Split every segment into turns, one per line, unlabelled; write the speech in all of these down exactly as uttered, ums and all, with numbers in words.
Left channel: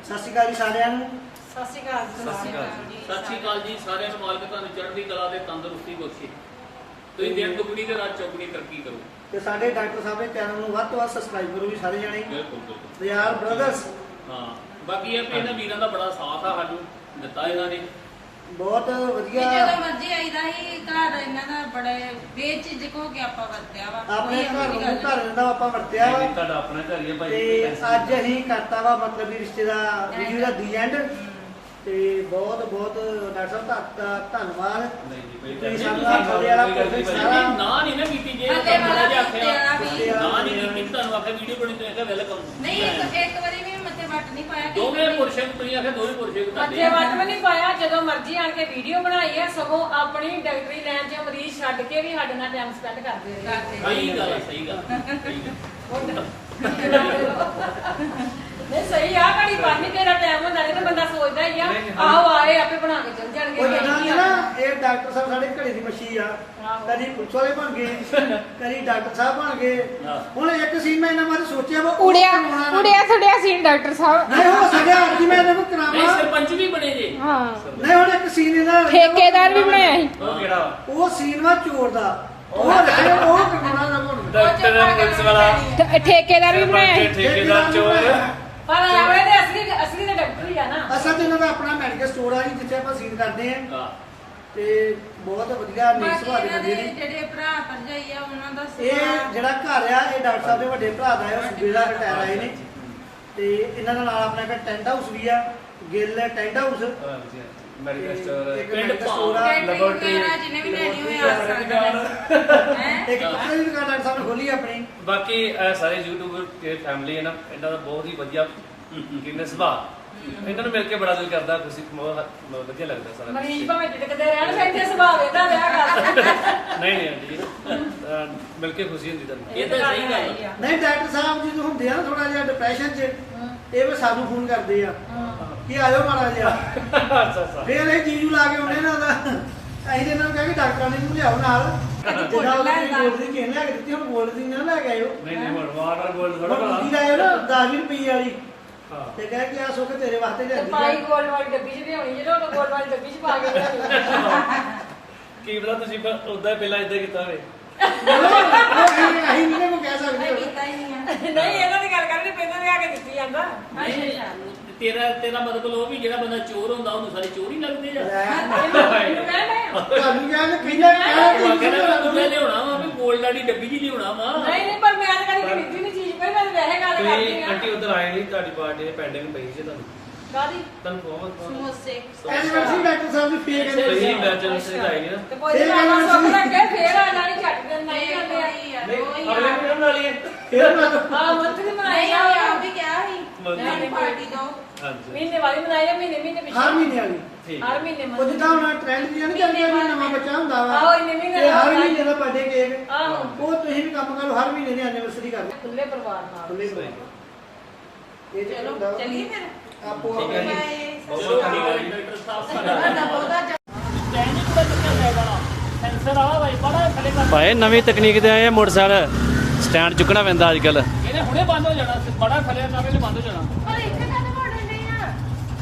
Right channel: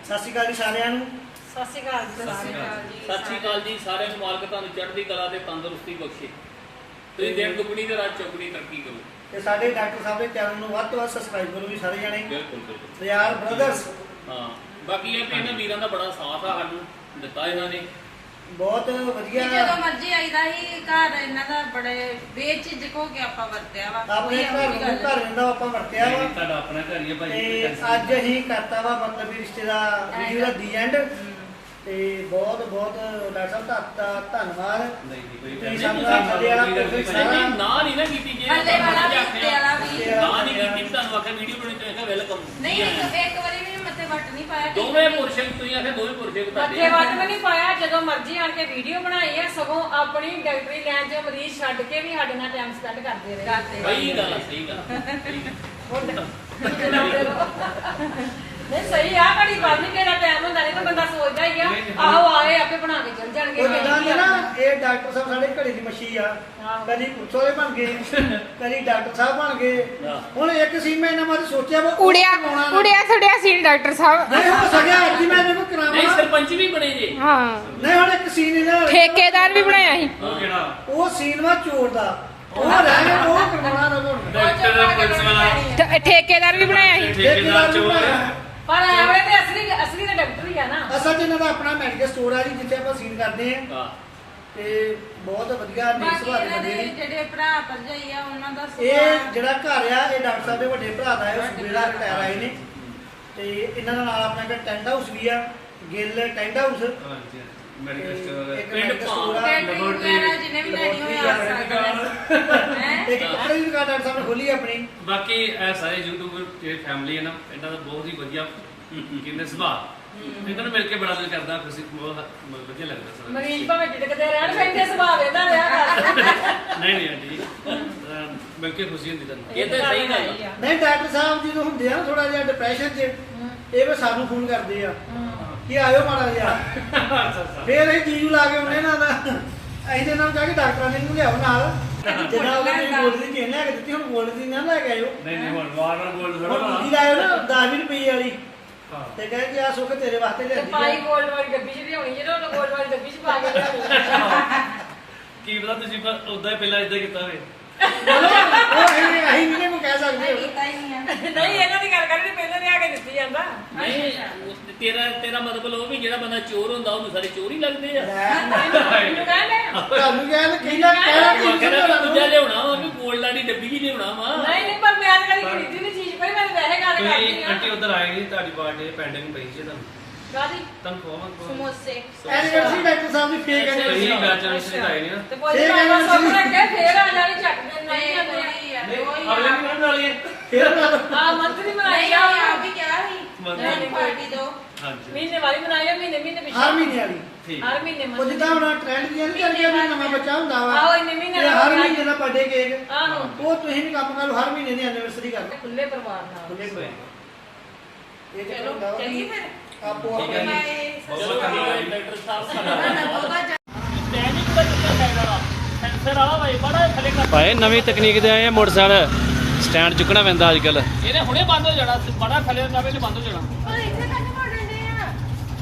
ਸਤਿ ਸ਼੍ਰੀ ਅਕਾਲ ਜੀ ਸਾਰਿਆਂ ਨੂੰ।
ਸਤਿ ਸ਼੍ਰੀ ਅਕਾਲ ਜੀ।
ਸਤਿ ਸ਼੍ਰੀ ਅਕਾਲ ਜੀ ਸਾਰਿਆਂ ਨੂੰ। ਮਾਲਕ ਤੁਹਾਨੂੰ ਚੜ੍ਹਦੀ ਕਲਾ ਤੇ ਤੰਦਰੁਸਤੀ ਬਖਸ਼ੇ। ਤੁਸੀਂ ਦਿਨ ਦੁਗਣੀ ਤੇ ਰਾਤ ਚੌਗਣੀ ਤਰੱਕੀ ਕਰੋ।
ਤੇ ਸਾਡੇ ਡਾਕਟਰ ਸਾਹਿਬ ਦੇ ਚੈਨਲ ਨੂੰ ਵੱਧ ਤੋਂ ਵੱਧ ਸਬਸਕ੍ਰਾਈਬ ਕਰੋ ਜੀ ਸਾਰੇ ਜਣੇ।
ਬਿਲਕੁਲ ਬਿਲਕੁਲ
ਰਿਆਲ ਬ੍ਰਦਰਸ।
ਹਾਂ ਬਾਕੀ ਇਹ ਵੀ ਇਹਨਾਂ ਵੀਰਾਂ ਦਾ ਬੜਾ ਸਾਥ ਆ ਸਾਨੂੰ ਦਿੱਤਾ ਇਹਨਾਂ ਨੇ।
ਬਹੁਤ ਵਧੀਆ।
ਜਦੋਂ ਮਰਜ਼ੀ ਆਈਦਾ ਹੀ ਘਰ ਇਹਨਾਂ ਦਾ ਬੜੇ ਬੇਝਿਜਕ ਹੋ ਕੇ ਆਪਾਂ ਵਰਤਿਆ ਵਾ।
ਆਪਣੇ ਘਰ ਨੂੰ ਘਰ ਰਹਿੰਦਾ ਆਪਾਂ ਵਰਤਿਆ ਵਾ
ਤੁਹਾਡਾ ਆਪਣਾ ਘਰ ਹੀ ਹੈ ਭਾਈ।
ਤੇ ਅੱਜ ਅਸੀਂ ਕਰਤਾ ਵਾ ਮਤਲਬ ਵੀ ਰਿਸ਼ਤੇ ਦਾ ਵੀਡੀਓ ਦਾ ਦੀ ਐਂਡ। ਤੇ ਬਹੁਤ ਬਹੁਤ ਡਾਕਟਰ ਸਾਹਿਬ ਦਾ ਧੰਨਵਾਦ।
ਨਹੀਂ ਜੀ ਭਾਈ
ਤੁਸੀਂ ਸਾਨੂੰ ਆਹ ਥੱਲੇ ਵਾਲਾ ਪ੍ਰੋਫੈਸਰ ਸਾਰਾ
ਨਾ ਨਹੀਂ ਨਾ ਕੀਤੀ ਜੇ
ਥੱਲੇ ਵਾਲਾ
ਨਾ
ਵੀ ਉੱਤੇ ਵਾਲਾ ਵੀ।
ਨਹੀਂ ਕੀਤੀ ਤੁਹਾਨੂੰ ਆਖਿਆ ਵੀਡੀਓ ਬਣਾਉਣੀ ਚਾਹੀਦੀ ਵੈਲਕਮ।
ਨਹੀਂ ਇੱਕ ਇੱਕ ਵਾਰੀ ਵੀ ਮੱਥੇ ਵੱਟ ਨਹੀਂ ਪਾਇਆ।
ਦੋਵੇਂ ਪੁਰਸ਼ਾਂ ਤੁਸੀਂ ਆਖਿਆ ਦੋਵੇਂ ਪੁਰਸ਼ੇ
ਮੱਥੇ
ਤੁਹਾਡੇ
ਵੱਟ ਵੀ ਨਹੀਂ ਪਾਇਆ। ਜਦੋਂ ਮਰਜ਼ੀ ਆਣ ਕੇ ਵੀਡੀਓ ਬਣਾਈ ਹੈ, ਸਗੋਂ ਆਪਣੀ ਡਾਕਟਰੀ ਲਾਈਨ 'ਚ ਮਰੀਜ਼ ਛੱਡ ਕੇ ਵੀ ਸਾਡੇ ਨਾਲ ਟਾਈਮ ਸਪੈਂਡ ਕਰਦੇ ਰਹੇ।
ਸਹੀ ਗੱਲ ਆ, ਸਹੀ ਗੱਲ
ਨਹੀਂ ਸਹੀ ਆ, ਘੜੀ ਬਾਅਦ ਨਹੀਂ ਕਿਹੜਾ ਟਾਈਮ ਹੁੰਦਾ ਨਹੀਂ ਤਾਂ ਬੰਦਾ ਸੋਚਦਾ ਹੀ ਆ ਆਹੋ ਆਏ ਆਪੇ ਬਣਾ ਕੇ ਚੱਲ ਜਾਣਗੇ।
ਉਹ ਜਿੱਦਾਂ ਕਿ ਨਾ ਇਹ ਡਾਕਟਰ ਸਾਹਿਬ ਸਾਡੇ ਘੜੀ ਦੀ ਮੱਛੀ ਆ। ਕਦੀ ਪੁੱਛੋਲੇ ਬਣ ਗਏ, ਕਦੀ ਡਾਕਟਰ ਸਾਹਿਬ ਬਣ ਗਏ। ਹੁਣ ਇੱਕ ਸੀਨ ਮੈਂ ਇਹਨਾਂ ਬਾਰੇ ਸੋਚਿਆ ਵਾ
ਉੜਿਆ ਉੜਿਆ ਛੜਿਆ ਸੀਨ ਡਾਕਟਰ ਸਾਹਿਬ।
ਨਹੀਂ ਹੋ ਸਕਿਆ ਅੱਜ ਹੀ ਮੈਂ ਇਹਨੂੰ
ਨਹੀਂ
ਕਰਾਵਾਂ।
ਸਰਪੰਚ ਵੀ ਬਣੇ ਜੇ।
ਹਾਂ
ਨਹੀਂ ਹੁਣ ਇੱਕ ਸੀਨ ਇਹਨਾਂ
ਠੇਕੇਦਾਰ ਵੀ ਬਣਾਇਆ ਸੀ।
ਉਹ ਕਿਹੜਾ
ਉਹ ਸੀਨ ਵਾ ਚੋਰ ਦਾ। ਉਹ ਲੈ ਉਹ ਕਰਵਾਉਣਾ ਨਾ ਕੋਣ
ਡਾਕਟਰ ਦਾ ਪੁਲਿਸ ਵਾਲਾ
ਠ- ਠੇਕੇਦਾਰ ਵੀ ਬਣਾਇਆ ਸੀ।
ਠੇਕੇਦਾਰ ਚੋਰ।
ਪਰ ਐਵੇਂ ਤੇ ਅਸਲੀ ਅਸਲੀ ਤਾਂ ਡਾਕਟਰ ਹੀ ਆ ਨਾ।
ਅਸਲ 'ਚ ਇਹਨਾਂ ਦਾ ਆਪਣਾ ਮੈਡੀਕਲ ਸਟੋਰ ਆ ਜੀ ਜਿੱਥੇ ਆਪਾਂ ਸੀਨ ਕਰਦੇ ਆ।
ਹਾਂ
ਤੇ ਬਹੁਤ ਵਧੀਆ ਨੀਕ
ਬਾਕੀ
ਸੁਭਾਅ ਦੇ
ਇਹਨਾਂ
ਬੰਦੇ
ਦੇ
ਨੇ।
ਜਿਹੜੇ ਭਰਾ ਭਰਜਾਈ ਆ ਉਹਨਾਂ ਦਾ
ਇਹ ਜਿਹੜਾ ਘਰ ਆ ਇਹ ਡਾਕਟਰ ਸਾਹਿਬ ਦੇ ਵੱਡੇ ਭਰਾ ਦਾ ਹੈ। ਉਹ ਸੂਬੇਦਾਰ ਰਿਟਾਇਰ ਆਏ ਨੇ। ਤੇ ਇਹਨਾਂ ਦੇ ਨਾਲ ਆਪਣਾ ਇੱਕ ਟੈਂਟ ਹਾਊਸ ਵੀ ਆ, Gill tent house.
Medical store
ਇੱਕ
ਪਿੰਡ
ਮੈਡੀਕਲ ਸਟੋਰ ਆ।
ਲੈਬੋਰਟਰੀ ਵਗੈਰਾ ਜਿੰਨੇ ਵੀ ਲੈਣੀ ਹੋਏ ਆ ਸਕਦੇ ਨੇ।
ਇੱਕ ਕੱਪੜੇ ਦੀ ਦੁਕਾਨ ਡਾਕਟਰ ਸਾਹਿਬ ਨੇ ਖੋਲੀ ਆਪਣੀ।
ਬਾਕੀ ਇਹ ਸਾਰੇ ਯੂਟਿਊਬਰ ਤੇ ਫੈਮਿਲੀ ਹੈ ਨਾ, ਇਹਨਾਂ ਦਾ ਬਹੁਤ ਹੀ ਵਧੀਆ ਕਿੰਨੇ ਸੁਭਾਅ। ਇਹਨਾਂ ਨੂੰ ਮਿਲ ਕੇ ਬੜਾ ਦਿਲ ਕਰਦਾ, ਖੁਸ਼ੀ ਬਹੁਤ ਵਧੀਆ ਲੱਗਦਾ ਸਾਰਾ।
ਮਰੀਜ਼ ਭਾਵੇਂ ਝਿੜਕਦੇ ਰਹਿਣ ਪੈਂਦੇ ਸੁਭਾਅ ਇਹਦਾ ਰਿਹਾ ਕਰ।
ਨਹੀਂ ਨਹੀਂ ਆਂਟੀ ਜੀ ਅਹ ਮਿਲ ਕੇ ਖੁਸ਼ੀ ਹੁੰਦੀ ਤੁਹਾਨੂੰ।
ਇਹ ਤਾਂ ਸਹੀ ਗੱਲ ਆ।
ਨਹੀਂ ਡਾਕਟਰ ਸਾਹਿਬ ਜਦੋਂ ਹੁੰਦੇ ਆ ਨਾ ਥੋੜਾ ਜਿਹਾ ਡਿਪਰੈਸ਼ਨ 'ਚ, ਇਹ ਵੀ ਸਾਨੂੰ ਫੋਨ ਕਰਦੇ ਆ ਕਿ ਆਇਓ ਮਾੜਾ ਜਿਹਾ।
ਅੱਛਾ ਅੱਛਾ
ਫੇਰ ਅਸੀਂ ਜੀਜੂ ਲਾ ਕੇ ਆਉਣੇ ਨਾ ਨਾ ਅਸੀਂ ਤੇ ਇਹਨਾਂ ਨੂੰ ਕਹਿ ਕੇ ਡਾਕਟਰਾਂ ਨੇ ਨੂੰ ਲਿਆਓ ਨਾਲ। ਜਿੱਦਾਂ ਉਹਨੇ ਮੇਰੀ ਗੋਲਡ ਦੀ ਚੇਨ ਲੈ ਕੇ ਦਿੱਤੀ, ਹੁਣ ਗੋਲਡ ਦੀ ਨਾ ਲੈ ਕੇ ਆਇਓ।
ਨਹੀਂ ਨਹੀਂ ਹੁਣ ਵਾਰ ਵਾਰ ਗੋਲਡ
ਹੁਣ
ਥੋੜਾ
ਦੂਜੀ ਲਾਇਓ ਨਾ ਦਸ ਵੀਹ ਰੁਪਏ ਵਾਲੀ।
ਹਾਂ
ਤੇ ਕਹੇ ਕਿ ਆ ਸੁੱਖ ਤੇਰੇ ਵਾਸਤੇ
ਤੇ ਪਾਈ
ਲਿਆਂਦੀ ਆ।
ਗੋਲ ਵਾਲੀ ਡੱਬੀ 'ਚ ਲਿਆਉਣੀ ਜਿਹੜਾ ਉਹਨੂੰ ਗੋਲ ਵਾਲੀ ਡੱਬੀ 'ਚ ਪਾ ਕੇ ਲਿਆਉਣੀ।
ਕੀ ਪਤਾ ਤੁਸੀਂ ਉਦਾਂ ਪਹਿਲਾਂ ਇਦਾਂ ਕੀਤਾ ਹੋਵੇ।
ਮਤਲਬ ਉਹ ਅਸੀਂ ਅਸੀਂ ਨਹੀਂ ਇਹਨੂੰ ਕਹਿ ਸਕਦੇ ਹੁਣ।
ਕੀਤਾ ਹੀ ਨਹੀਂ ਆ।
ਨਹੀਂ ਇਹਨਾਂ ਦੀ ਗੱਲ ਕਰਨੀ ਪਹਿਲਾਂ ਲਿਆ ਕੇ ਦਿੱਤੀ ਜਾਂਦਾ।
ਨਹੀਂ ਤੇਰਾ ਤੇਰਾ ਮਤਲਬ ਉਹ ਵੀ ਜਿਹੜਾ ਬੰਦਾ ਚੋਰ ਹੁੰਦਾ ਉਹਨੂੰ ਸਾਰੇ ਚੋਰ ਹੀ ਲੱਗਦੇ ਆ।
ਲੈ
ਮੈਨੂੰ ਕਹਿੰਦੇ
ਤੁਹਾਨੂੰ ਕਹਿੰਦੇ ਖੀਲਾ ਕਹਿਣਾ
ਉਹ
ਕੀ
ਕਹਿੰਦਾ
ਕਰਨਾ
ਦੂਜਾ ਲਿਆਉਣਾ ਵਾ ਵੀ ਗੋਲਡ ਵਾਲੀ ਡੱਬੀ ਵੀ ਲਿਆਉਣਾ ਵਾ।
ਨਹੀਂ ਨਹੀਂ ਪਰ ਮੈਂ ਤਾਂ ਕਦੀ ਖਰੀਦੀ ਨਹੀਂ ਚੀਜ਼ ਪਰ ਮੈਂ ਵੈਸੇ ਗੱਲ ਕਰਦੀ
ਤੁਸੀਂ
ਆ।
ਆਂਟੀ ਉਧਰ ਆਏ ਨਹੀਂ, ਤੁਹਾਡੀ ਬਰਥਡੇ ਪੈਂਡਿੰਗ ਪਈ ਸੀ ਤੁਹਾਨੂੰ।
ਕਾਦੀ
ਤੁਹਾਨੂੰ ਬਹੁਤ ਬਹੁਤ
ਸਮੋਸੇ
ਐਨੀਵਰਸਰੀ ਡਾਕਟਰ ਸਾਹਿਬ ਦੀ ਫੇਕ
ਤੁਸੀਂ
ਐਨੀਵਰਸਰੀ।
ਬੈਚਲਰ ਆਏ ਨਹੀਂ ਨਾ।
ਤੇ ਕੋਈ ਗੱਲ ਸੁਣ ਲੈ ਕੇ ਫੇਰ ਆਣਾ ਨਹੀਂ ਛੱਡ ਦੇ ਨਹੀਂ
ਨਹੀਂ
ਮੰਨਿਆ।
ਕੋਈ ਆ
ਨਹੀਂ
ਕੋਈ
ਅਗਲੇ
ਆ।
ਦਿਨ ਬਣਾ ਲਈਏ।
ਫੇਰ ਬਣਾ ਦਿਓ।
ਹਾਂ ਮੰਥਲੀ ਮਨਾਈ
ਨਹੀਂ
ਆ
ਆ ਵੀ ਕਿਹਾ ਸੀ
ਮੰਥਲੀ
ਮੈਂ ਪਾਰਟੀ ਦੋ
ਹਾਂਜੀ
ਮਹੀਨੇ ਵਾਲੀ ਮਨਾਈ ਆ ਮਹੀਨੇ ਮਹੀਨੇ ਪਿੱਛੇ
ਹਰ ਮਹੀਨੇ ਵਾਲੀ।
ਠੀਕ
ਹਰ ਮਹੀਨੇ
ਉਹ
ਮੰਥਲੀ।
ਜਿੱਦਾਂ ਹੁਣ ਟ੍ਰੈਂਡ ਦੀਆਂ ਨਹੀਂ ਚੱਲਦੀਆਂ ਵੀ ਨਵਾਂ ਬੱਚਾ ਹੁੰਦਾ ਵਾ।
ਆਹੋ ਇੰਨੇ ਮਹੀਨੇ
ਤੇ ਹਰ
ਦਾ
ਮਹੀਨੇ ਦਾ ਬਰਥਡੇ ਕੇਕ।
ਆਹੋ
ਉਹ ਤੁਸੀਂ ਵੀ ਕੰਮ ਕਰੋ, ਹਰ ਮਹੀਨੇ ਦੀ ਐਨੀਵਰਸਰੀ ਕਰ ਲਓ।
ਖੁੱਲੇ ਪਰਿਵਾਰ ਨਾਲ।
ਖੁੱਲੇ ਹੋਏ। ਇਹ ਚੱਲ
ਚਲੋ
ਹੁੰਦਾ ਵਾ।
ਚੱਲੀਏ ਫਿਰ
ਆਪੋ
ਠੀਕ ਹੈ ਜੀ।
ਬਾਏ।
ਬਹੁਤ
ਚਲੋ
ਬਹੁਤ ਧੰਨਵਾਦ ਜੀ।
ਡਾਕਟਰ ਸਾਹਿਬ
ਤੁਹਾਡਾ ਬਹੁਤਾ
ਸਟੈਂਡਿੰਗ ਬੱਚ ਕੇ ਫਾਇਦਾ ਵਾ। ਸੈਂਸਰ ਆ ਭਾਈ ਬੜਾ ਥੱਲੇ ਕਰ।
ਭਾਈ ਨਵੀਂ ਤਕਨੀਕ ਤੇ ਆਏ ਆ, ਮੋਟਰਸਾਈਕਲ ਸਟੈਂਡ ਚੁੱਕਣਾ ਪੈਂਦਾ ਅੱਜ ਕੱਲ।
ਇਹਨੇ ਹੁਣੇ ਬੰਦ ਹੋ ਜਾਣਾ ਬੜਾ ਥੱਲੇ ਨਾ ਵੇਲੇ ਬੰਦ ਹੋ ਜਾਣਾ।
ਪਰ ਇੱਥੇ ਕਾਹਦੇ ਵੜਨ ਦੇ ਆ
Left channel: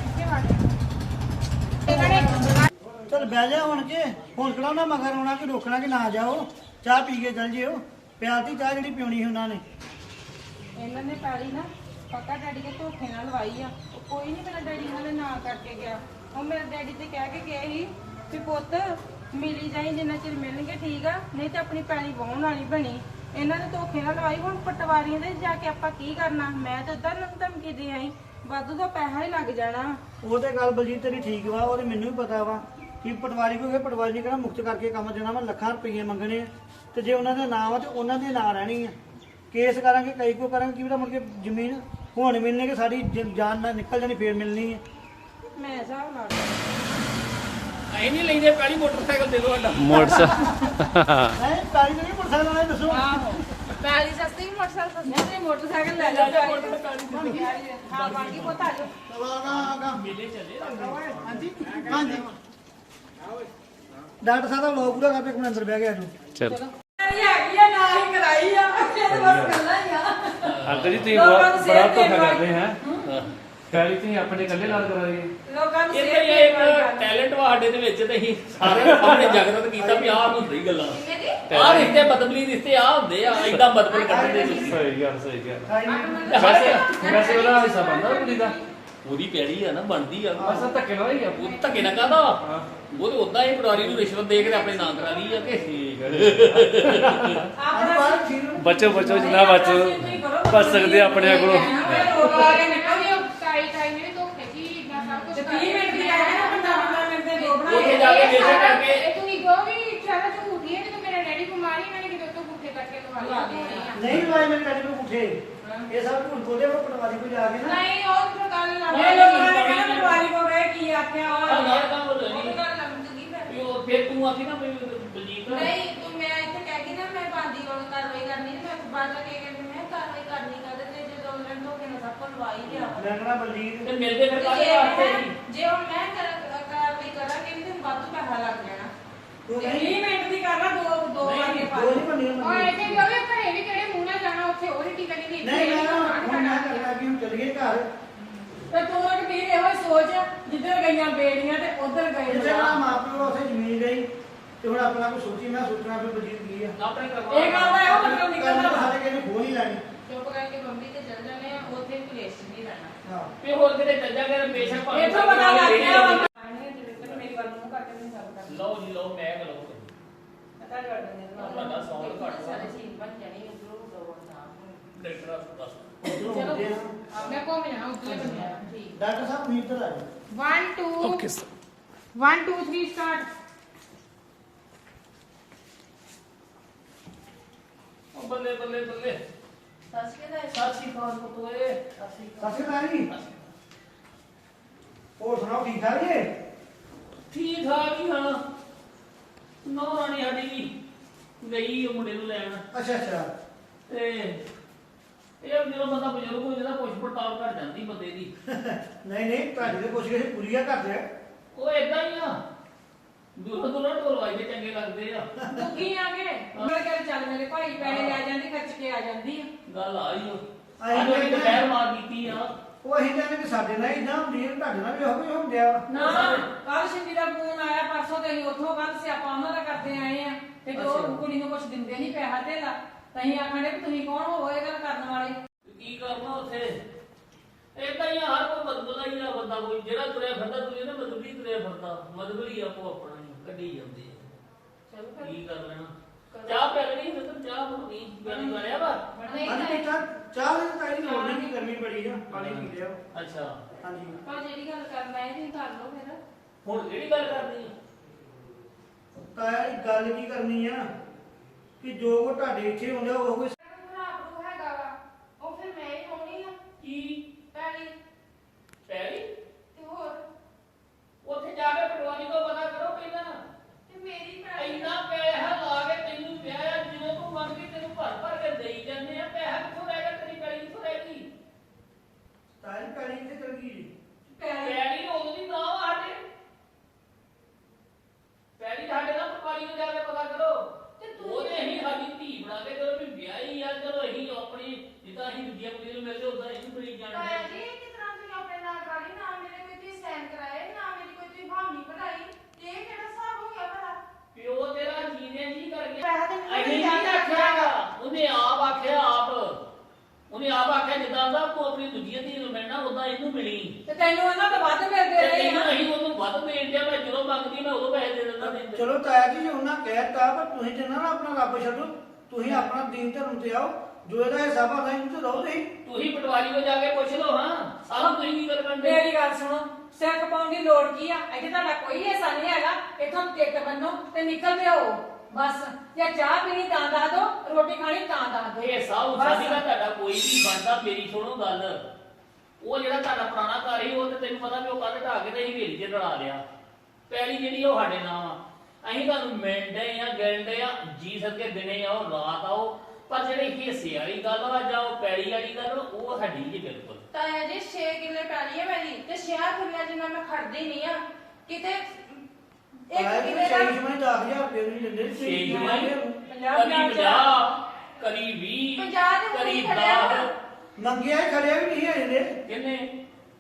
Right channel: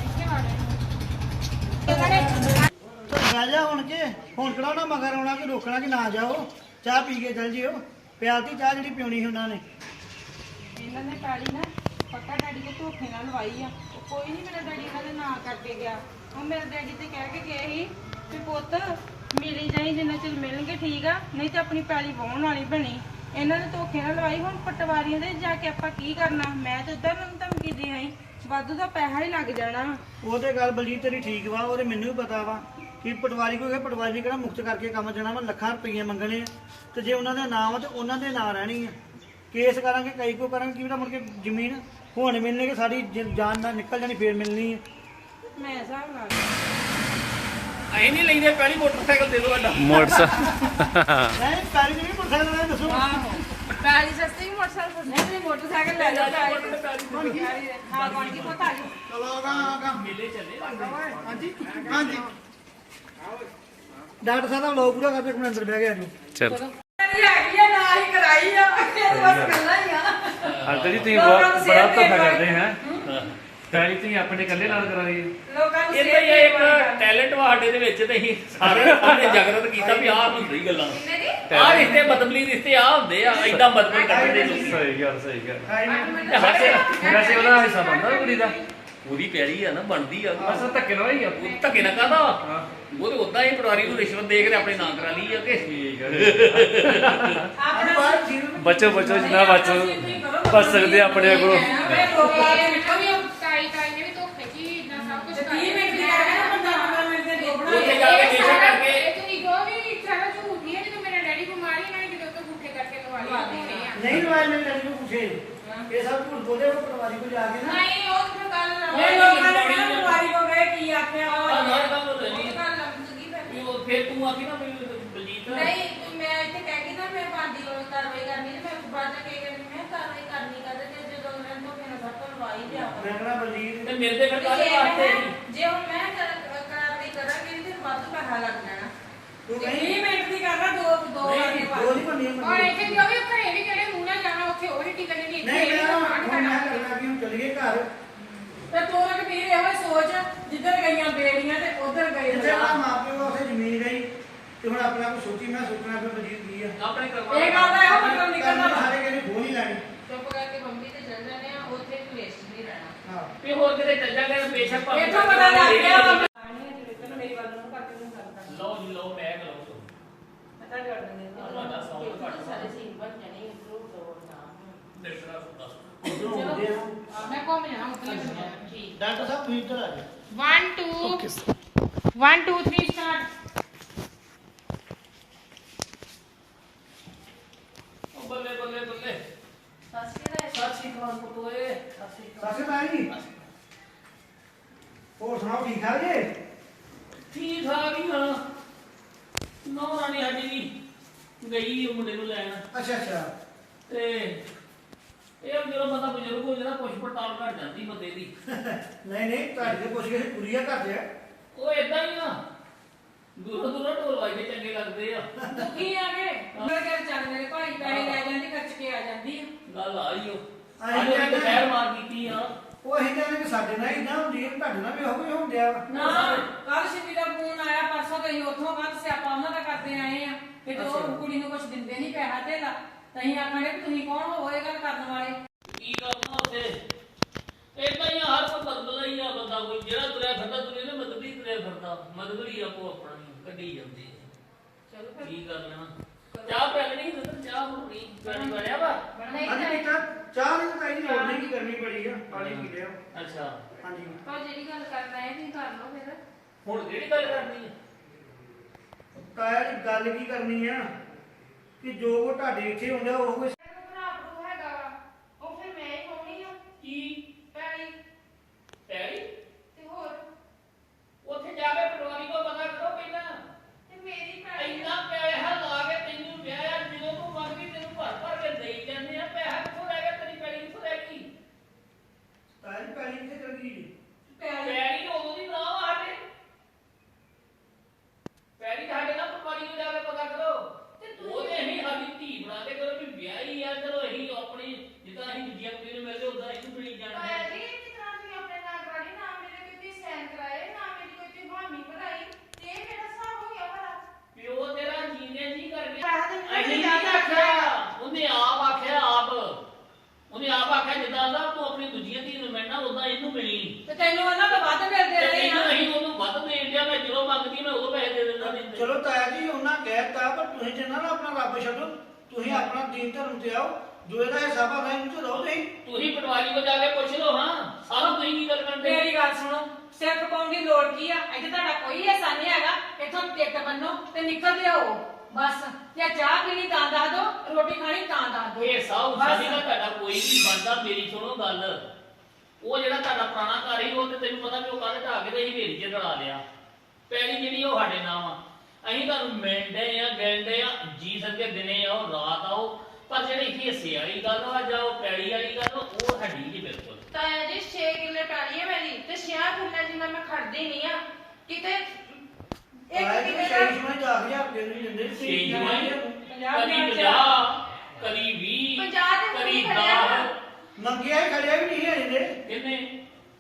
ਤਾਂ ਬਹਿ ਜਾ ਹੁਣ ਕੇ ਹੁਣ ਕਿਹੜਾ ਉਹਨਾਂ ਮਗਰ ਆਉਣਾ ਕਿ ਰੋਕਣਾ ਕਿ ਨਾ ਜਾਓ। ਚਾਹ ਪੀ ਕੇ ਚੱਲ ਜਿਓ। ਪਿਆਲਤੀ ਚਾਹ ਜਿਹੜੀ ਪਿਉਣੀ ਸੀ ਉਹਨਾਂ ਨੇ।
ਇਹਨਾਂ ਨੇ ਕਾਲੀ ਨਾ ਪੱਕਾ ਡੈਡੀ ਦੇ ਧੋਖੇ ਨਾਲ ਲਵਾਈ ਆ। ਉਹ ਕੋਈ ਨਹੀਂ ਮੇਰਾ ਡੈਡੀ ਇਹਨਾਂ ਦੇ ਨਾਂ ਕਰਕੇ ਗਿਆ। ਉਹ ਮੇਰੇ ਡੈਡੀ ਤੇ ਕਹਿ ਕੇ ਗਏ ਸੀ ਕਿ ਪੁੱਤ ਮਿਲੀ ਜਾਈ ਜਿੰਨਾ ਚਿਰ ਮਿਲਣਗੇ ਠੀਕ ਆ, ਨਹੀਂ ਤੇ ਆਪਣੀ ਪੈਲੀ ਵਾਹੁਣ ਵਾਲੀ ਬਣੀ। ਇਹਨਾਂ ਨੇ ਧੋਖੇ ਨਾਲ ਲਵਾਈ। ਹੁਣ ਪਟਵਾਰੀਆਂ ਦੇ ਜਾ ਕੇ ਆਪਾਂ ਕੀ ਕਰਨਾ? ਮੈਂ ਤਾਂ ਉਧਰ ਨੂੰ ਧਮਕੀ ਦੇ ਆਈ, ਵਾਧੂ ਦਾ ਪੈਸਾ ਹੀ ਲੱਗ ਜਾਣਾ।
ਉਹ ਤੇ ਗੱਲ ਬਲਜੀਤ ਤੇਰੀ ਠੀਕ ਵਾ। ਉਹ ਤੇ ਮੈਨੂੰ ਵੀ ਪਤਾ ਵਾ ਕਿ ਪਟਵਾਰੀ ਕੋਈ ਪਟਵਾਰੀ ਨੇ ਕਿਹੜਾ ਮੁਕਤ ਕਰਕੇ ਕੰਮ ਦੇਣਾ ਵਾ। ਲੱਖਾਂ ਰੁਪਈਏ ਮੰਗਣੇ ਆ ਤੇ ਜੇ ਉਹਨਾਂ ਦਾ ਨਾਮ ਆ ਤੇ ਉਹਨਾਂ ਦੇ ਨਾਂ ਰਹਿਣੀ ਆ। ਕੇਸ ਕਰਾਂਗੇ ਕਈ ਕੋ ਕਰਾਂਗੇ ਕੀ ਪਤਾ ਮੁੜ ਕੇ ਜ਼ਮੀਨ ਹੁਣ ਮਿਲਣੇ ਕਿ ਸਾਡੀ ਜ- ਜਾਨ ਨਾਲ ਨਿਕਲ ਜਾਣੀ ਫੇਰ ਮਿਲਣੀ ਹੈ।
ਮੈਂ ਹਿਸਾਬ ਲਾ
ਅਸੀਂ ਨਹੀਂ ਲੈਂਦੇ ਪਹਿਲੀ ਮੋਟਰਸਾਈਕਲ ਦੇ ਦਿਓ ਸਾਡਾ।
ਮੋਟਰਸਾਈਕਲ
ਨਹੀਂ ਪੈਰੀ ਨਹੀਂ ਮੋਟਰਸਾਈਕਲ ਨਾਲ ਦੱਸੋ।
ਪੈਲੀ ਸਸਤੀ ਮੋਟਰਸਾਈਕਲ ਨਹੀਂ ਤੇ ਮੋਟਰਸਾਈਕਲ ਲੈ ਜਾਓ ਬਣ ਗਿਆ ਹਾਂ ਬਣ ਗਈ ਪੁੱਤ ਆ ਜਾਓ।
ਹਾਂਜੀ ਹਾਂਜੀ ਡਾਕਟਰ ਸਾਹਿਬ ਦਾ ਵਲੋਗ ਪੂਰਾ ਕਰਕੇ ਆਪਣੇ ਅੰਦਰ ਬਹਿ ਗਿਆ ਜੀ।
ਚਲੋ
ਹੈਗੀ ਆ ਨਾਲ ਹੀ ਕਰਾਈ ਆ ਇਹ ਤਾਂ ਬਸ ਗੱਲਾਂ ਹੀ ਆ।
ਅੰਕਲ ਜੀ ਤੁਸੀਂ ਬਹੁਤ ਬੜਾ ਧੋਖਾ ਕਰਦੇ ਹੈ। ਪੈਲੀ ਤੁਸੀਂ ਆਪਣੇ ਇਕੱਲੇ ਨਾਲ ਕਰਾ ਰਹੀ
ਲੋਕਾਂ ਨੂੰ
ਇਹ
ਸਿਹਤ
ਤਾਂ
ਦੀ
ਇਹ
ਦਵਾਈ
ਇੱਕ ਟੈਲੈਂਟ ਵਾ ਸਾਡੇ ਦੇ ਵਿੱਚ ਤੇ ਅਸੀਂ ਸਾਰਿਆਂ ਦੇ ਸਾਹਮਣੇ ਜਾਗਰਤ ਕੀਤਾ ਵੀ ਆਹ ਹੁੰਦੀ ਗੱਲਾਂ
ਕਿੰਨੇ ਦੀ
ਆਹ ਰਿਸ਼ਤੇ ਬਦਬਲੀ ਰਿਸ਼ਤੇ ਆ ਹੁੰਦੇ ਆ ਐਦਾਂ ਬਦਬਲ ਕੱਢਦੇ ਲੋਕੀ
ਸਹੀ ਗੱਲ ਸਹੀ ਗੱਲ
ਖਾਈ
ਵੈਸੇ ਵੈਸੇ ਉਹਦਾ ਹਿੱਸਾ ਬਣਦਾ ਕੁੜੀ ਦਾ
ਉਹਦੀ ਪੈੜੀ ਆ ਨਾ ਬਣਦੀ ਆ
ਬਸ ਆਹ ਧੱਕੇ ਨਾਲ ਹੀ ਆ
ਉਹ ਧੱਕੇ ਨਾ ਕਾਹਦਾ
ਹਾਂ
ਉਹ ਤੇ ਉਦਾਂ ਹੀ ਪਟਵਾਰੀ ਨੂੰ ਰਿਸ਼ਵਤ ਦੇ ਕੇ ਆਪਣੇ ਨਾਂ ਕਰਾ ਲਈ ਆ ਕਿ
ਠੀਕ ਹੈ
ਆਪਣਾ
ਬਚੋ ਬਚੋ ਜਿੰਨਾ ਬਚ ਬਚ ਸਕਦੇ ਆ ਆਪਣੇ ਕੋਲੋਂ
ਲੋਕ ਆ ਕੇ ਨਿਕਲ
ਟਾਈ ਟਾਈ ਨੇ ਵੀ ਧੋਖੇ ਜੀ ਇਦਾਂ ਸਭ ਕੁਝ
ਤੀਹ ਮਿੰਟ ਦੀ ਗੱਲ ਹੈ ਨਾ ਪੰਦਰਾਂ ਮਿੰਟ ਦੇ ਦੋ
ਉੱਥੇ
ਬਣਾਏ
ਜਾ ਕੇ ਨੇਸ਼ਾ ਕਰਕੇ
ਇਹ ਤੁਸੀਂ ਜੋ ਵੀ ਸਾਰਾ ਝੂਠੀ ਹੈ ਜਦੋਂ ਮੇਰਾ ਡੈਡੀ ਬਿਮਾਰੀ ਇਹਨਾਂ ਨੇ ਕਿਤੇ ਤੋਂ ਭੁੱਖੇ ਕਰਕੇ ਲਵਾ ਲਿਆ
ਨਹੀਂ ਲਵਾਏ ਮੈਂ ਤੈਨੂੰ ਪੁੱਛੇ ਇਹ ਸਭ ਝੂਠ ਬੋਲੇ ਉਹ ਪਟਵਾਰੀ ਕੋਲ ਜਾ ਕੇ ਨਾ
ਨਹੀਂ ਉਹ ਤਾਂ ਗੱਲ ਨਾ
ਇਹ ਲੋਕਾਂ ਨੇ ਕਹਿਣਾ ਪਟਵਾਰੀ ਕੋਲ ਗਏ ਕੀ ਆਖਿਆ
ਆਹ
ਵਾ
ਨਾਲ ਕੰਮ ਹੋ
ਉਹ
ਜਾਣੀ
ਤਾਂ ਗੱਲ ਲੰਮਦੀ ਫਿਰ
ਵੀ ਉਹ ਫਿਰ ਤੂੰ ਆਖੀ ਨਾ ਵੀ ਬਲਜੀਤ
ਨਹੀਂ ਤੂੰ ਮੈਂ ਇੱਥੇ ਕਹਿ ਕੇ ਨਾ ਮੈਂ ਬਾਂਦੀ ਕੋਲ ਕਾਰਵਾਈ ਕਰਨੀ ਤੇ ਮੈਂ ਬਾਅਦ ਚ ਕੀ ਕਰਨੀ ਮੈਂ ਕਾਰਵਾਈ ਕਰਨੀ ਕਰ ਤੇ ਜਦੋਂ ਉਹਨਾਂ ਨੂੰ ਧੋਖੇ ਨਾਲ ਸਭ ਤੋਂ ਲਵਾਈ ਲਿਆ
ਮੈਂ ਕਹਣਾ ਬਲਜੀਤ
ਤੇ ਮਿਲਦੇ ਫਿਰ ਕਾਹਦੇ ਵਾਸਤੇ ਨਹੀਂ
ਜੇ ਹੁਣ ਮੈਂ ਕਰ- ਕਾਰਵਾਈ ਕਰਾਂਗੀ ਤੇ ਵੱਧ ਪੈਸਾ ਲੱਗ ਜਾਣਾ
ਤੂੰ ਕਹੀਂ
ਤੀਹ ਮਿੰਟ ਦੀ ਕਰਨਾ ਦੋ ਦੋ
ਨਹੀਂ,
ਵਾਰੀ
ਦੋ ਨਹੀਂ ਬੰਨੀ
ਔਰ
ਬੰਨੀ
ਇੱਥੇ ਜੋ ਵੀ ਘਰੇ ਵੀ ਕਿਹੜੇ ਮੂੰਹ ਨਾਲ ਜਾਣਾ ਉੱਥੇ ਉਹ ਨਹੀਂ ਟਿਕਣੀ ਨਹੀਂ
ਨਹੀਂ ਮੈਂ ਹੁਣ ਮੈਂ ਕਰਨਾ ਕਿ ਹੁਣ ਚਲੀਏ ਘਰ
ਤੇ ਤੂੰ ਨਾ ਕਬੀਰ ਇਹੋ ਹੀ ਸੋਚ ਜਿੱਧਰ ਗਈਆਂ ਬੇੜੀਆਂ ਤੇ ਉਧਰ ਗਏ
ਜਿੱਥੇ
ਲੋਕ।
ਨਾ ਮਾਂ ਪਿਓ ਉੱਥੇ ਜ਼ਮੀਨ ਗਈ ਤੇ ਹੁਣ ਆਪਣਾ ਕੋਈ ਸੋਚੀ ਮੈਂ ਸੋਚਣਾ ਵੀ ਬਲਜੀਤ ਕੀ ਆ
ਆਪਣੇ ਕਰਵਾ
ਇਹ ਗੱਲ ਦਾ ਇਹੋ ਮਤਲਬ
ਕਰਨਾ
ਨਿਕਲਦਾ
ਤਾਂ ਸਾਰੇ ਕਹਿੰਦੇ ਖੋਹ ਨਹੀਂ ਲੈਣੀ
ਚੁੱਪ ਕਰਕੇ ਬੰਬੀ ਤੇ ਚੱਲ ਜਾਂਦੇ ਆ ਉੱਥੇ ਕਲੇਸ਼ ਨਹੀਂ ਰਹਿਣਾ
ਹਾਂ
ਵੀ ਹੋਰ ਕਿਤੇ ਚੱਲ ਜਾ ਕੇ ਬੇਸ਼ੱਕ ਭਾਵੇਂ
ਇੱਥੋਂ ਪਤਾ ਲੱਗ ਗਿਆ ਵਾ
ਮੇਰੀ ਗੱਲ ਨੂੰ ਕੱਟ ਨਹੀਂ ਸਕਦਾ
ਲਓ ਜੀ ਲਓ ਮੈਂ ਲਓ
ਮੈਂ ਤਾਂ ਕਰ ਦਿੰਦੀ ਹਾਂ
ਤੁਹਾਡਾ ਸੌਂਗ ਘੱਟ
ਸਾਰੇ ਸੀਨ ਬਣ ਜਾਣੀ ਇਧਰੋਂ ਦੋ ਨਾ
ਦੇਖਣਾ ਦੱਸ
ਇੱਧਰੋਂ ਆਉਂਦੇ ਆ।
ਮੈਂ ਘੁੰਮ ਜਾਣਾ ਉੱਥੇ ਬਣਿਆ
ਠੀਕ
ਡਾਕਟਰ ਸਾਹਿਬ ਤੁਸੀਂ ਇੱਧਰ ਆ ਜਾਓ
one two one two three start
ਉਹ ਬੱਲੇ ਬੱਲੇ ਬੱਲੇ
ਫਸਟ ਕਿਹੜਾ
ਸਤਿ ਸ਼੍ਰੀ ਅਕਾਲ ਪੁੱਤੋਏ ਸਤਿ ਸ਼੍ਰੀ ਅਕਾਲ
ਸਤਿ ਸ਼੍ਰੀ ਅਕਾਲ ਜੀ ਹੋਰ ਸੁਣਾਓ ਠੀਕ ਠਾਕ ਜੀ
ਠੀਕ ਠਾਕ ਹੀ ਹਾਂ ਨੌ ਰਾਣੀ ਸਾਡੀ ਵੀ ਗਈ ਉਹ ਮੁੰਡੇ ਨੂੰ ਲੈਣ
ਅੱਛਾ ਅੱਛਾ
ਤੇ ਇਹ ਜਦੋਂ ਬੰਦਾ ਬਜ਼ੁਰਗ ਹੋ ਜਾਂਦਾ ਪੁੱਛ ਪੜਤਾਲ ਕਰ ਜਾਂਦੀ ਬੰਦੇ ਦੀ
ਨਹੀਂ ਨਹੀਂ ਤੁਹਾਡੀ ਤੇ ਪੁੱਛ ਕੇ ਪੂਰੀ ਆ ਕਰਦੇ ਆ
ਉਹ ਏਦਾਂ ਹੀ ਆ ਦੂਰੋਂ ਦੂਰੋਂ ਢੋਲ ਵਾਜਦੇ ਚੰਗੇ ਲੱਗਦੇ ਆ
ਦੁਖੀ ਆ ਗਏ ਮੇਰੇ ਘਰ ਚੱਲ ਮੇਰੇ ਭਾਈ ਪੈਸੇ ਲੈ ਜਾਂਦੀ ਖਰਚ ਕੇ ਆ ਜਾਂਦੀ ਆ
ਗੱਲ ਆਈ ਉਹ
ਅਸੀਂ
ਅੱਜ ਉਹਨੇ
ਕਹਿੰਦੇ-
ਦੁਪਹਿਰ ਮਾਰ ਕੀਤੀ ਆ
ਉਹ ਅਸੀਂ ਕਹਿੰਦੇ ਕਿ ਸਾਡੇ ਨਾਲ ਇਦਾਂ ਹੁੰਦੀ ਹੈ ਤੁਹਾਡੇ ਨਾਲ ਵੀ ਉਹੋ ਹੀ ਹੁੰਦਿਆ
ਨਾ ਕੱਲ ਸ਼ਿਵੀ ਦਾ ਫੋਨ ਆਇਆ ਪਰਸੋਂ ਤੇ ਅਸੀਂ ਉੱਥੋਂ ਕੱਲ ਸਿਆਪਾ ਉਹਨਾਂ ਦਾ ਕਰਦੇ ਆਏ ਆ ਤੇ ਜੋ
ਅੱਛਾ।
ਕੁੜੀ ਨੂੰ ਕੁਝ ਦਿੰਦੇ ਨਹੀਂ ਪੈਸਾ ਧੇਲਾ ਤਾਂ ਅਸੀਂ ਆਖਾਂਗੇ ਕਿ ਤੁਸੀਂ ਕੌਣ ਹੋ ਇਹ ਗੱਲ ਕਰਨ ਵਾਲੇ
ਕੀ ਕਰਨਾ ਉੱਥੇ ਏਦਾਂ ਹੀ ਆ, ਹਰ ਕੋਈ ਬਦਲਦਾ ਹੀ ਆ ਬੰਦਾ ਕੋਈ ਜਿਹੜਾ ਤੁਰਿਆ ਫਿਰਦਾ ਦੁਨੀਆ ਨੇ ਬਦਲਦੀ ਤੁਰਿਆ ਫਿਰਦਾ ਮਦਬਲੀ ਆਪੋ ਆਪਣਾ ਹੀ ਕੱਢੀ ਜਾਂਦੀ ਹੈ
ਚਲੋ ਫਿਰ
ਕੀ ਕਰ ਲੈਣਾ ਚਾਹ ਪੈ ਲੈਣੀ ਹੁੰਦਾ ਤਾਂ ਚਾਹ ਬਣਨੀ ਗਰਮੀ ਬਣਿਆ ਵਾ
ਨਹੀਂ
ਹਾਂਜੀ
ਤਾਂ
ਬੇਟਾ ਚਾਹ ਦੀ ਤਾਂ ਕਾਈ ਲੋੜ ਨਹੀਂ ਕਿ ਗਰਮੀ ਬੜੀ ਆ ਪਾਣੀ ਪੀ ਲਿਓ
ਅੱਛਾ
ਹਾਂਜੀ
ਪਰ ਜਿਹੜੀ ਗੱਲ ਕਰਨਾ ਹੈ ਤੁਸੀਂ ਕਰ ਲਓ ਫਿਰ
ਹੁਣ ਕਿਹੜੀ ਗੱਲ ਕਰਨੀ ਹੈ
ਤਾਇਆ ਜੀ ਗੱਲ ਕੀ ਕਰਨੀ ਆ ਕਿ ਜੋ ਕੋ ਤੁਹਾਡੇ ਇੱਥੇ ਹੁੰਦਾ ਉਹ ਕੋਈ
ਭਰਾ ਹੈਗਾ ਵਾ ਉਹ ਫਿਰ ਮੈਂ ਹੀ ਪਾਉਣੀ ਆ
ਕੀ
ਪੈਲੀ
ਪੈਰੀ
ਤੇ ਹੋਰ
ਉੱਥੇ ਜਾ ਕੇ ਪਟਵਾਰੀ ਕੋ ਪਤਾ ਕਰੋ ਪਹਿਲਾਂ
ਤੇ ਮੇਰੀ ਪੈਲੀ
ਇੰਨਾ ਪੈਸਾ ਲਾ ਕੇ ਤੈਨੂੰ ਵਿਆਹ ਜਦੋਂ ਤੂੰ ਮੰਗਦੀ ਤੈਨੂੰ ਭਰ ਭਰ ਕੇ ਦੇਈ ਜਾਂਦੇ ਆ ਪੈਸਾ ਕਿੱਥੋਂ ਰਹਿ ਗਿਆ ਤੇਰੀ ਪੈਲੀ ਕਿੱਥੋਂ ਰਹਿ ਗਈ
ਤਾਇਆ ਜੀ ਪੈਣੀ ਇੱਥੇ ਚਲ ਗਈ
ਪੈਲੀ
ਪੈਲੀ ਉਦੋਂ ਦੀ ਨਾ ਸਾਡੇ ਪੈਲੀ ਸਾਡੇ ਨਾਲ ਪਟਵਾਰੀ ਨੂੰ ਜਾ ਕੇ ਪਤਾ ਕਰੋ
ਤੇ ਤੂੰ
ਉਹਦੇ ਅਸੀਂ ਸਾਡੀ ਧੀ ਬਣਾ ਕੇ ਕਰੋ ਵੀ ਵਿਆਹੀ ਆ ਚਲੋ ਅਸੀਂ ਆਪਣੀ ਜਿੱਦਾਂ ਅਸੀਂ ਦੂਜੀਆਂ ਕੁੜੀਆਂ ਨੂੰ ਮਿਲਦੇ ਉਦਾਂ ਇਹਨੂੰ ਮਿਲੀ
ਤਾਇਆ
ਜਾਣਗੇ
ਜੀ ਕਿਸ ਤਰ੍ਹਾਂ ਤੁਸੀਂ ਆਪਣੇ ਨਾਲ ਗਾੜੀ ਨਾ ਮੇਰੇ ਕੋਈ ਤੇ ਸੈਨ ਕਰਾਏ ਨਾ ਮੇਰੀ ਕੋਈ ਤੇ ਭਾਮੀ ਬਣਾਈ ਤੇ ਇਹ ਕਿਹੜਾ ਹਿਸਾਬ ਹੋ ਗਿਆ ਭਲਾ
ਪਿਓ ਤੇਰਾ ਜੀਨੇ ਜੀ ਕਰ ਗਿਆ
ਪੈਸਾ ਤੇ ਮੈਨੂੰ
ਅਸੀਂ
ਵੀ
ਨਹੀਂ
ਜ਼ਿਆਦਾ
ਆਖਿਆ ਉਹਨੇ ਆਪ ਆਖਿਆ ਆਪ ਉਹਨੇ ਆਪ ਆਖਿਆ ਜਿੱਦਾਂ ਦਾ ਤੂੰ ਆਪਣੀ ਦੂਜੀਆਂ ਧੀ ਨੂੰ ਮਿਲਣਾ ਉਦਾਂ ਇਹਨੂੰ ਮਿਲੀ
ਤੇ ਤੈਨੂੰ ਉਹਨਾਂ ਤੋਂ ਵੱਧ ਮਿਲਦੇ
ਤੇ
ਰਹੇ
ਤੈਨੂੰ
ਆ
ਅਸੀਂ ਉਹਨੂੰ ਵੱਧ ਦੇਣ ਦਿਆ ਮੈਂ ਜਦੋਂ ਮੰਗਦੀ ਮੈਂ ਉਦੋਂ ਪੈਸੇ ਦੇ ਦਿੰਦਾ ਨਹੀਂ ਤੇ।
ਚਲੋ ਤਾਇਆ ਜੀ ਉਹਨਾਂ ਕਹਿਤਾ ਪਰ ਤੁਸੀਂ ਤੇ ਨਾ ਆਪਣਾ ਰੱਬ ਛੱਡੋ ਤੁਸੀਂ ਆਪਣਾ ਦੀਨ ਧਰਮ ਤੇ ਆਓ ਜੋ ਇਹਦਾ ਹਿਸਾਬ ਆ ਉਹਨੂੰ ਤੇ ਰਹੋ ਤੁਸੀਂ
ਤੁਸੀਂ ਪਟਵਾਰੀ ਕੋ ਜਾ ਕੇ ਪੁੱਛ ਲਓ ਹਾਂ ਸਾਰਾ ਤੁਸੀਂ ਕੀ ਕਰ ਕਰਦੇ
ਮੇਰੀ ਗੱਲ ਸੁਣੋ ਸਿਰ ਖਪਾਉਣ ਦੀ ਲੋੜ ਕੀ ਆ ਇੱਥੇ ਤੁਹਾਡਾ ਕੋਈ ਹਿੱਸਾ ਨਹੀਂ ਹੈਗਾ ਇੱਥੋਂ ਟਿਕਟ ਬੰਨੋ ਤੇ ਨਿਕਲਦੇ ਆਓ ਬਸ ਜੇ ਚਾਹ ਪੀਣੀ ਤਾਂ ਦੱਸ ਦੋ ਰੋਟੀ ਖਾਣੀ ਤਾਂ ਦੱਸ ਦੋ
ਇਹ ਸਾਹ
ਬਸ।
ਉਸਾਦੀ ਦਾ ਤੁਹਾਡਾ ਕੋਈ ਨਹੀਂ ਬਣਦਾ ਮੇਰੀ ਸੁਣੋ ਗੱਲ ਉਹ ਜਿਹੜਾ ਤੁਹਾਡਾ ਪੁਰਾਣਾ ਘਰ ਸੀ ਉਹ ਤੇ ਤੈਨੂੰ ਪਤਾ ਵੀ ਉਹ ਕੱਲ ਢਾ ਕੇ ਤੇ ਹੀ ਵੇਰੀ ਚ ਰਲਾ ਲਿਆ ਪੈਲੀ ਜਿਹੜੀ ਉਹ ਸਾਡੇ ਨਾਮ ਆ ਅਸੀਂ ਤੁਹਾਨੂੰ ਮਿਲਦੇ ਆ ਗਿਲਦੇ ਆ ਜੀ ਸਕੇ ਦਿਨੇ ਆਓ ਰਾਤ ਆਓ ਪਰ ਜਿਹੜੀ ਹਿੱਸੇ ਵਾਲੀ ਗੱਲ ਆ ਜਾਂ ਉਹ ਪੈਲੀ ਵਾਲੀ ਗੱਲ ਉਹ ਸਾਡੀ ਜੀ ਬਿਲਕੁਲ
ਤਾਇਆ ਜੀ ਛੇ ਕਿੱਲੇ ਪੈਲੀ ਹੈ ਮੇਰੀ ਤੇ ਛੇ ਕਿੱਲੇ ਜਿੰਨਾ ਮੈਂ ਖੜਦੀ ਨਹੀਂ ਆ ਕਿਤੇ ਇੱਕ
ਤਾਇਆ ਜੀ
ਕਿੱਲੇ
ਚਾਹੀਦੀ
ਦਾ
ਸਮਝ ਦਸ ਹਜ਼ਾਰ ਰੁਪਏ ਨੂੰ ਦਿੰਦੇ
ਛੇ ਜਮਾਈ
ਪੰਜਾਹ
ਕਦੀ
ਪੰਜਾਹ
ਪੰਜਾਹ ਕਦੀ ਵੀਹ
ਪੰਜਾਹ ਦੇ
ਕਦੀ
ਮੂੰਹ ਖੜਿਆ
ਦਸ
ਮੰਗਿਆ ਹੀ ਖੜਿਆ ਵੀ ਨਹੀਂ ਹੈ ਇਹਦੇ
ਕਿੰਨੇ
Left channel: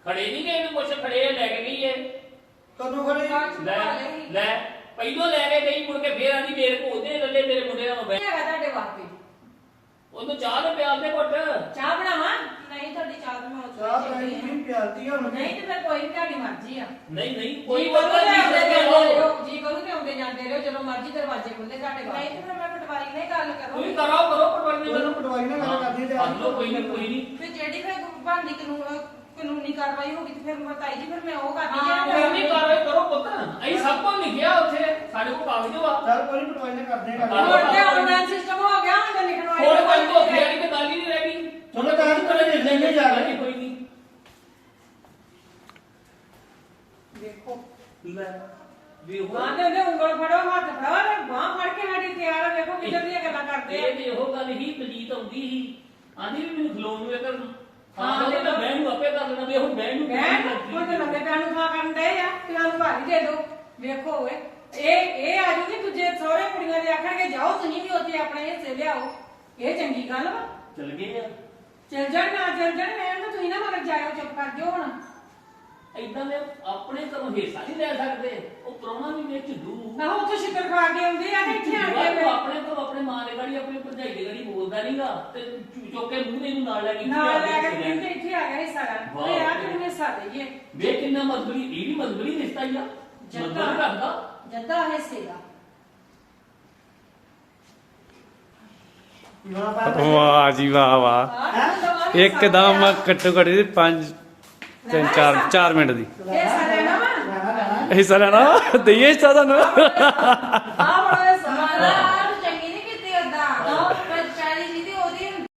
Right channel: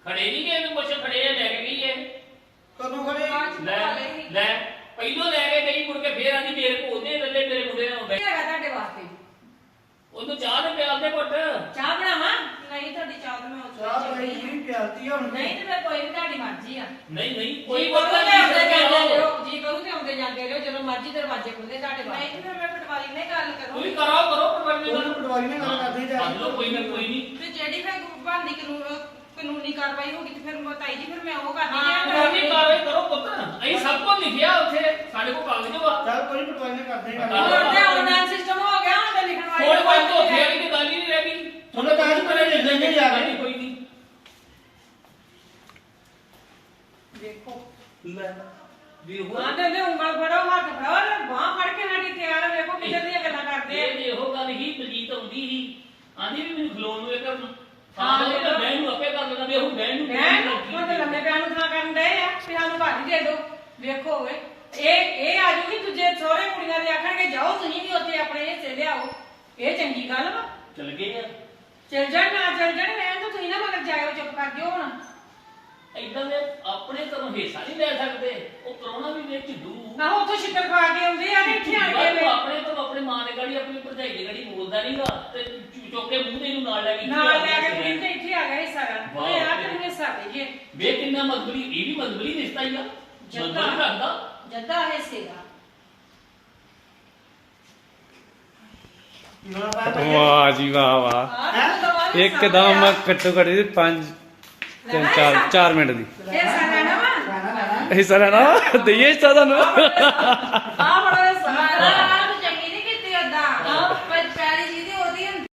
ਖੜੇ ਨਹੀਂ ਗਏ ਤੇ ਕੁਛ ਖੜੇ ਆ, ਲੈ ਕੇ ਗਈ ਏ
ਕਦੋਂ ਖੜੇ
ਲੈ ਲੈ ਪਹਿਲੋਂ ਲੈ ਕੇ ਗਈ ਮੁੜ ਕੇ ਫੇਰ ਆਂਦੀ ਮੇਰੇ ਕੋਲ ਦੇ ਲੱਲੇ ਮੇਰੇ ਮੁੰਡੇ ਨਾਲ ਬੈ
ਹੈਗਾ ਤੁਹਾਡੇ ਵਾਸਤੇ
ਉਹਨੂੰ ਚਾਹ ਦੇ ਪਿਆਲ ਦੇ ਘੁੱਟ
ਚਾਹ ਬਣਾਵਾਂ
ਨਹੀਂ ਤੁਹਾਡੀ ਚਾਹ ਤਾਂ ਮੈਂ ਉਸ
ਚਾਹ
ਵੇਲੇ
ਪਈ
ਪੀਤੀ ਆ।
ਨਹੀਂ ਪਿਆਲਤੀ ਹੁਣ
ਨਹੀਂ ਤੇ ਫਿਰ ਕੋਈ ਨਹੀਂ, ਤੁਹਾਡੀ ਮਰਜ਼ੀ ਆ।
ਨਹੀਂ ਨਹੀਂ
ਜੀ
ਕੋਈ
ਕਰੂ ਤੇ ਆਉਂਦੇ ਜਾਂਦੇ
ਕੋਈ
ਰਹੋ, ਜੀ ਕਰੂ ਤੇ ਆਉਂਦੇ ਜਾਂਦੇ ਰਹੋ, ਜਦੋਂ ਮਰਜ਼ੀ ਦਰਵਾਜ਼ੇ ਖੁੱਲਦੇ ਤੁਹਾਡੇ
ਨਹੀਂ
ਵਾਸਤੇ।
ਤੇ ਫਿਰ ਮੈਂ ਪਟਵਾਰੀ ਨਾਲ ਹੀ ਗੱਲ ਕਰੂੰ
ਕਰੋ ਕਰੋ ਪਟਵਾਰੀ
ਉਹਨੂੰ
ਨਾਲ
ਪਟਵਾਰੀ ਨਾਲ ਗੱਲ ਕਰਦੇ ਜਾ
ਕਰ ਲਓ ਕੋਈ ਨਾ ਕੋਈ ਨਹੀਂ
ਤੇ ਜਿਹੜੀ ਫਿਰ ਬਣਦੀ ਕਾਨੂੰਨ ਕਾਨੂੰਨੀ ਕਾਰਵਾਈ ਹੋਗੀ ਤੇ ਫਿਰ ਬਤਾਈ ਜੀ ਫਿਰ ਮੈਂ ਉਹ ਕਰਦੀ
ਹਾਂ,
ਜੇ
ਕਾਨੂੰਨੀ ਕਾਰਵਾਈ ਕਰੋ ਪੁੱਤ ਅਸੀਂ ਸਭ ਕੁਝ ਲਿਖਿਆ ਉੱਥੇ ਸਾਡੇ ਕੋਲ ਕਾਗਜ਼ ਵਾ
ਚੱਲ ਕੋਈ ਨੀ, ਪਟਵਾਰੀ ਨਾਲ ਕਰਦੇ ਆ
ਹਾਂ।
ਗੱਲ
ਹੁਣ ਤੇ ਆਨਲਾਈਨ ਸਿਸਟਮ ਹੋ ਗਿਆ, ਹੁਣ ਤੇ ਲਿਖਣ ਵਾਲੀ
ਹੋਰ ਕੋਈ ਧੋਖੇ ਵਾਲੀ ਤੇ ਗੱਲ ਹੀ ਨਹੀਂ ਰਹਿ ਗਈ
ਤੁਹਾਨੂੰ ਕਾਗਜ਼ ਪੜੇ ਲਿਖ ਲੈਂਦੇ ਜਾ ਕੇ।
ਕੋਈ ਨਹੀਂ
ਦੇਖੋ
ਲੈ ਵੀ ਉਹ
ਹਾਂ ਤੇ ਉਹਦੇ ਉਂਗਲ ਫੜੋ, ਹੱਥ ਫੜੋ ਤੇ ਬਾਹ ਫੜ ਕੇ ਸਾਡੀ ਤਿਆਰ, ਵੇਖੋ ਕਿੱਧਰ ਦੀਆਂ ਗੱਲਾਂ ਕਰਦੇ ਆ।
ਇਹ ਜੇ ਉਹ ਗੱਲ ਹੀ ਪਲੀਤ ਆਉਂਦੀ ਸੀ ਆਂਦੀ ਵੀ ਮੈਨੂੰ ਖਲੋਣ ਨੂੰ ਇਹ ਕਰਨ
ਹਾਂ,
ਹਾਂ
ਤੇ
ਤੇ ਮੈਂ ਨੂੰ ਆਪੇ ਕਰ ਲੈਣਾ ਵੀ ਉਹ ਮੈਂ ਨੂੰ
ਮੈਂ ਹੁਣ ਤੇ ਲੰਮੇ ਪਿਆ ਨੂੰ ਥਾਂ ਕਰਨ ਦੇ ਆ ਤੇ ਸਾਨੂੰ ਭਾਜੀ ਦੇ ਦਿਓ। ਵੇਖੋ ਓਏ ਇਹ ਇਹ ਆ ਜੂਗੀ ਦੂਜੇ ਸਹੁਰੇ ਕੁੜੀਆਂ ਦੇ ਆਖਣਗੇ ਜਾਓ ਤੁਸੀਂ ਵੀ ਉੱਥੇ ਆਪਣੇ ਹਿੱਸੇ ਲਿਆਓ, ਇਹ ਚੰਗੀ ਗੱਲ ਵਾ।
ਚਲ ਗਏ ਆ
ਚਲ ਜਾਣ ਨਾ ਚਲ ਜਾਣ, ਮੈਂ ਤਾਂ ਤੁਸੀਂ ਨਾ ਮਗਰ ਜਾਇਓ, ਚੁੱਪ ਕਰ ਜਿਓ ਹੁਣ।
ਇਦਾਂ ਦੇ ਆਪਣੇ ਘਰੋਂ ਹਿੱਸਾ ਨਹੀਂ ਲੈ ਸਕਦੇ ਉਹ ਪ੍ਰਾਹੁਣਾ ਵੀ ਵਿੱਚ ਡੂ
ਨਾ ਉੱਥੋਂ ਛਿੱਤਰ ਖਾ ਕੇ ਆਉਂਦੇ ਆ ਤੇ ਇੱਥੇ ਆਣ ਕੇ
ਤੂੰ
ਵੇ-
ਆਪਣੇ ਤੋਂ ਆਪਣੇ ਮਾਂ ਦੇ ਗਾੜੀ ਆਪਣੀ ਭਰਜਾਈ ਦੇ ਗਾੜੀ ਬੋਲਦਾ ਨਹੀਂਗਾ ਤੇ ਚੁ- ਚੁੱਕ ਕੇ ਮੂੰਹ ਦੇ ਨੂੰ ਨਾਲ ਲੈ ਕੇ
ਨਾਲ ਲੈ ਕੇ ਪਿੰਡ ਤੇ ਇੱਥੇ ਆ ਗਿਆ ਹਿੱਸਾ ਕਰਨ,
ਵਾਹ।
ਉਹਨੇ ਆ ਤੈਨੂੰ ਹਿੱਸਾ ਦੇਈਏ।
ਵੇ ਕਿੰਨਾ ਮਜ਼ਬੂਰੀ ਇਹ ਵੀ ਮਜ਼ਬੂਰੀ ਰਿਸ਼ਤਾ ਹੀ ਆ
ਜੱਦਾ।
ਮਜ਼ਬੂਰੀ ਰੱਖਦਾ
ਜੱਦਾ ਹਿੱਸੇ ਦਾ
ਨਾ ਪਾ ਭਾਈ
ਵਾਹ ਜੀ ਵਾਹ ਵਾਹ
ਆਹ ਤਾਂ ਦਵਾ ਵੀ
ਇੱਕਦਮ
ਸਾਂਭਿਆ।
ਘੱਟੋ ਘੱਟ ਪੰਜ ਤਿੰਨ ਚਾਰ ਚਾਰ ਮਿੰਟ ਦੀ
ਹਿੱਸਾ ਲੈਣਾ ਵਾ
ਲੈਣਾ ਲੈਣਾ
ਹਿੱਸਾ ਲੈਣਾ ਦਈਏ ਹਿੱਸਾ ਤੁਹਾਨੂੰ
ਆ ਬੜਾ